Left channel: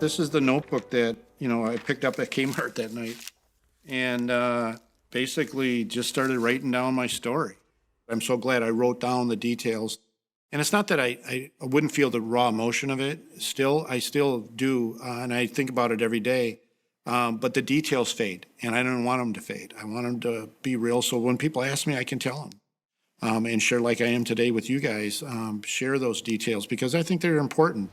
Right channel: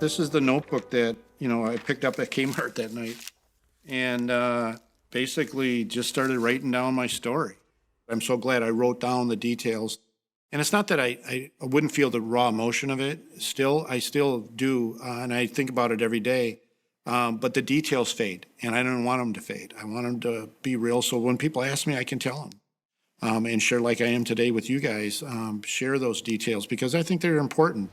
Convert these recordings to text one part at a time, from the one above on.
This is the notebook that, I picked up at Kmart that night and basically just started writing down my story. I'm so glad I wrote down the details. And it's not that I wouldn't feel the raw emotion of it. I still do, and I think about it every day. But the details fade, and I don't want them to fade. I want them to be real, so when people ask me, I can tell them. And share like I am today with you guys, share those details because I think they're important.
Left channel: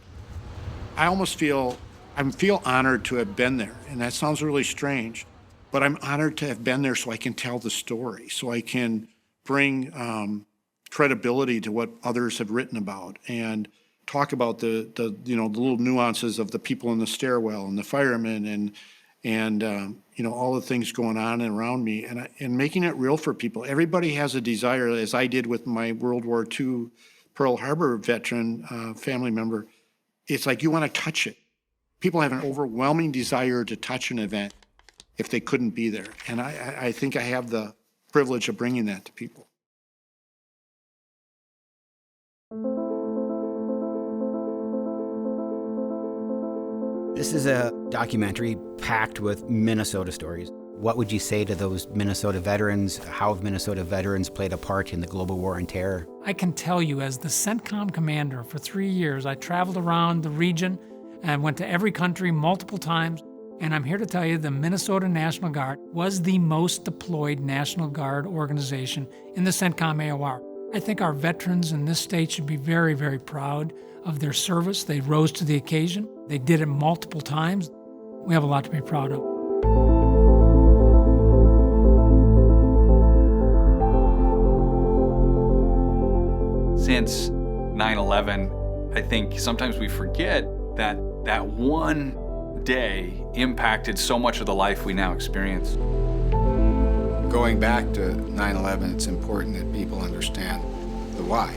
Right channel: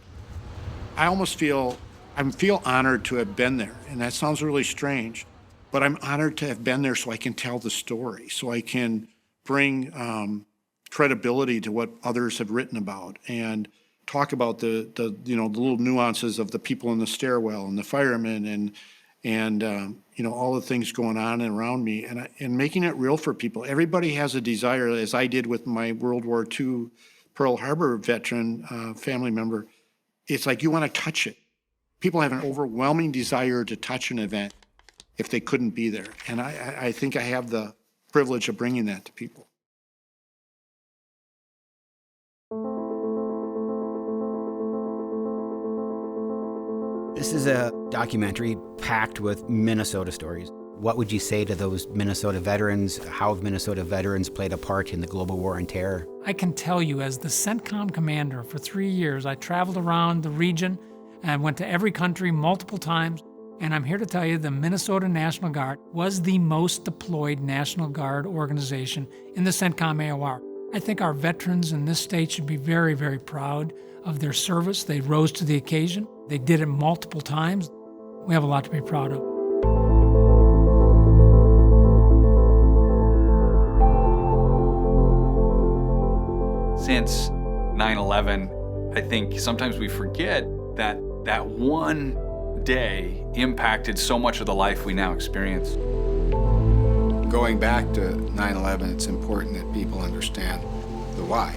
I feel honored to have been there, and that sounds really strange, but I'm honored to have been there so I can tell the story, so I can bring credibility to what others have written about and talk about the little nuances of the people in the stairwell and the firemen and all the things going on around me and making it real for people. Everybody has a desire, as I did with my World War II Pearl Harbor veteran family member. It's like you want to touch it. People have an overwhelming desire to touch an event if they couldn't be there. And I think I have the privilege of bringing that to people. This is a documentary packed with Minnesota stories. What would you say to those Minnesota veterans? How have Minnesota veterans played a part in the global war on terror? I can tell you, as the CENTCOM commander for 3 years, I traveled around the region and went to every country multiple times. And I'm here to tell you the Minnesota National Guard was the most deployed National Guard organization in the CENTCOM AOR. I think our veterans in this state should be very, very proud of their service. They rose to the occasion. They did it multiple times. We have a lot to be proud of. Since 9/11, I think sometimes we forget that that one day impacted so much of the life we now experience. Going back to 9/11, it's important that people understand the why.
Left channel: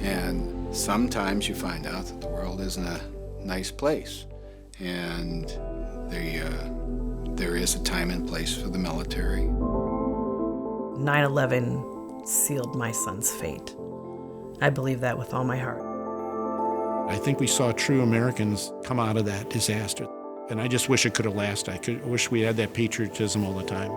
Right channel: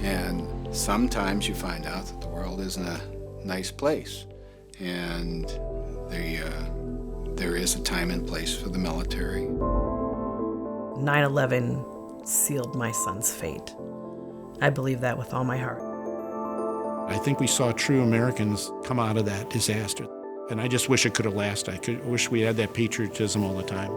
And sometimes you find out that the world isn't a nice place. And there is a time and place for the military. 9/11 sealed my son's fate. I believe that with all my heart. I think we saw true Americans come out of that disaster. And I just wish it could have lasted. I wish we had that patriotism all the time.